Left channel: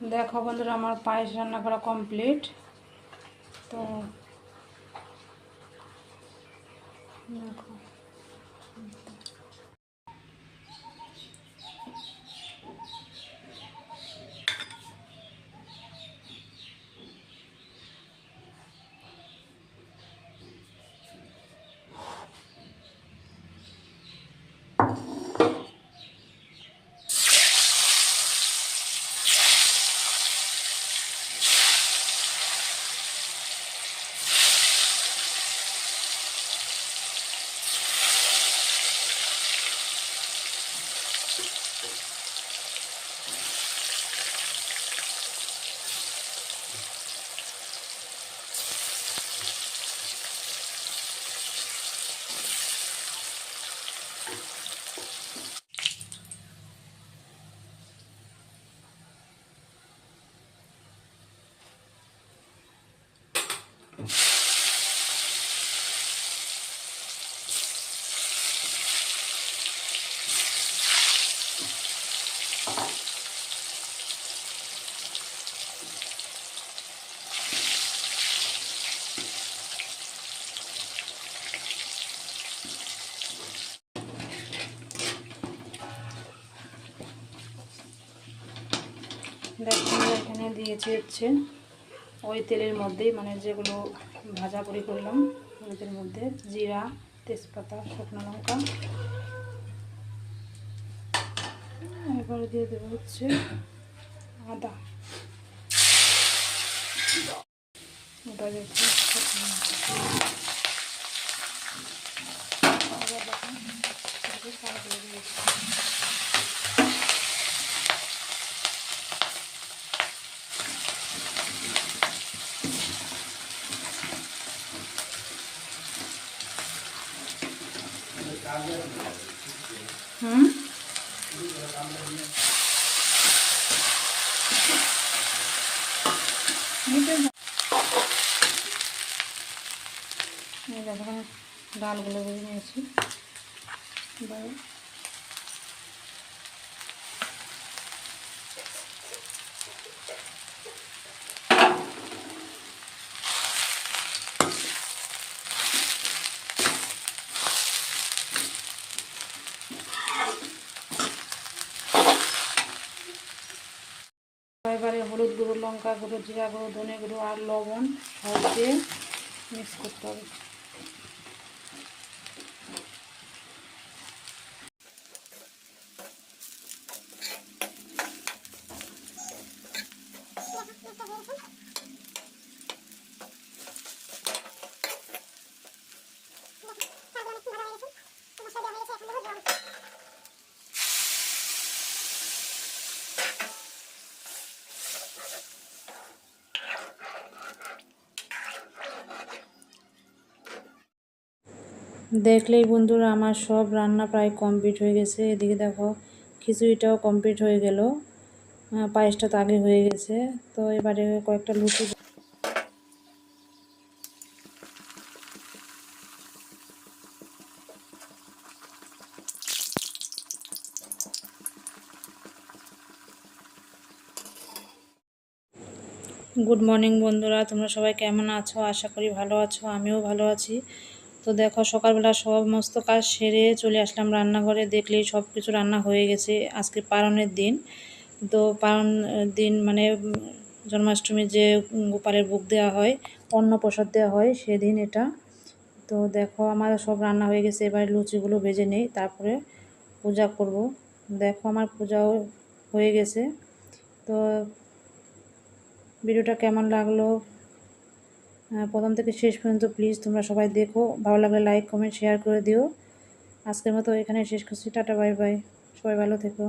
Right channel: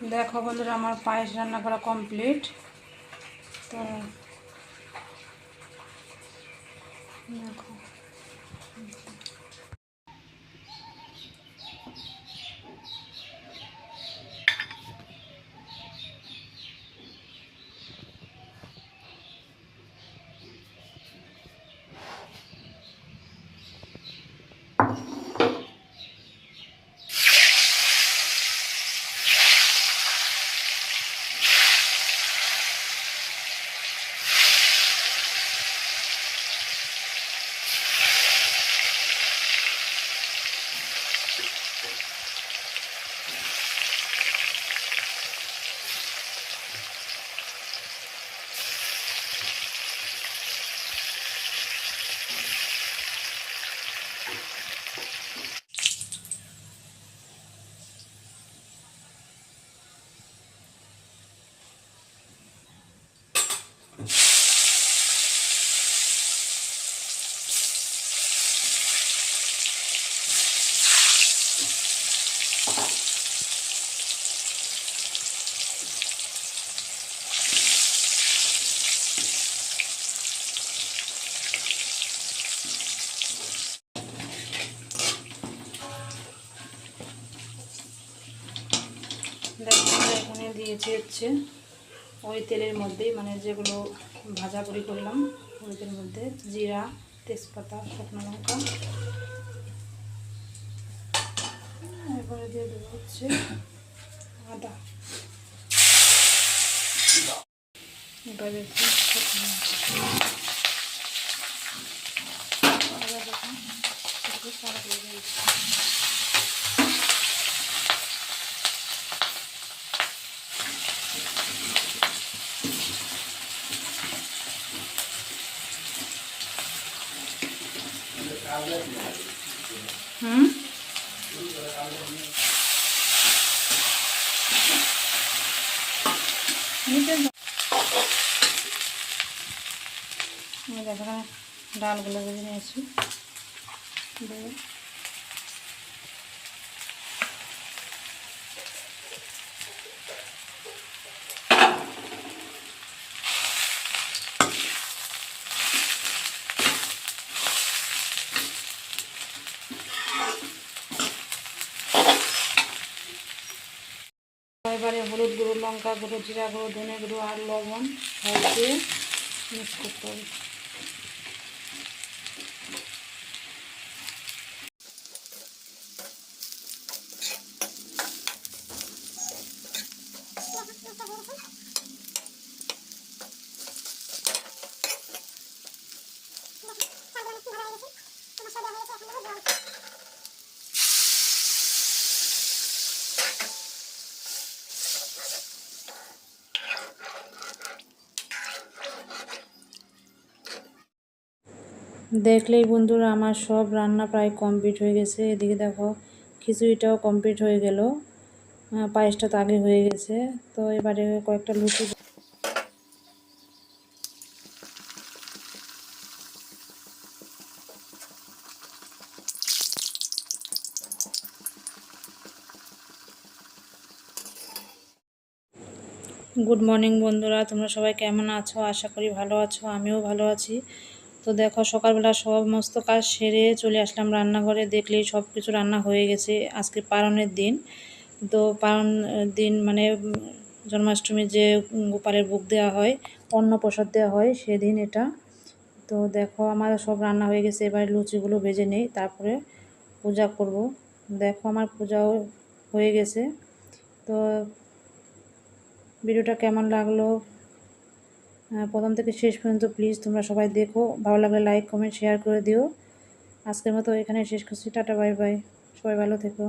দেখো বন্ধুরা আমার পায়েস রান্না করা কমপ্লিট তো দেখো। দেখো আমরা এখানে দিয়েছি হচ্ছে ওই তেলের মধ্যেই মানে যেগুলো ভাজা করি করলাম তেলের মধ্যে জিরা, তেজপাতা, শুকনো লঙ্কা। এরপরে দিয়ে দেবো হচ্ছে আদা। এবারে। আদা একটু সারা দিয়ে দিয়েছি। ডালগুলো ভেজে নিয়েছি লঙ্কা গুঁড়ো জিরা গুঁড়ো ধনে গুঁড়ো আর লবণ দিয়ে মিক্স করতে হবে। দেখলেই বন্ধুরা আমার সব রান্না প্রায় কমপ্লিট হয়ে গেছে। এদিকে দেখো, খিচুড়িটাও কমপ্লিট হয়ে গেল। পায়েসটা তো আগে হয়ে গেছে। তো এবারে কয়েকটা লুচি গুড মর্নিং বন্ধুরা, তোমরা সবাই কেমন আছো? আশা করি ভালো আছো, আমিও ভালো আছি। তো দেখো সকালবেলা সমস্ত কাজ সেরে চলে আসলাম রান্নাঘরে। দেখলেই সব কিছু রান্না হয়ে গেছে আজকে পালনের দিন। তো পালন দিন মানে জন্মাষ্টমীর যে গোপালের বুক দেওয়া হয় অন্ন প্রসাদ দেওয়া হয়, সেদিন এটা। তো দেখো আমার সব রান্না হয়ে গেছে, এবার লুচিগুলো ভেজে নেই, তারপরে পূজা করব। দেখো আমার পূজাও হয়ে গেছে। তো ভিডিওটা কেমন লাগল? প্রথম থেকে শেষ পর্যন্ত প্লিজ তোমরা সবাই দেখো। ভালো লাগলে লাইক কমেন্ট শেয়ার করে দিও। আজকের মতো এখানে শেষ করছি। টাটা বাই বাই সবাই ভালো থেকো।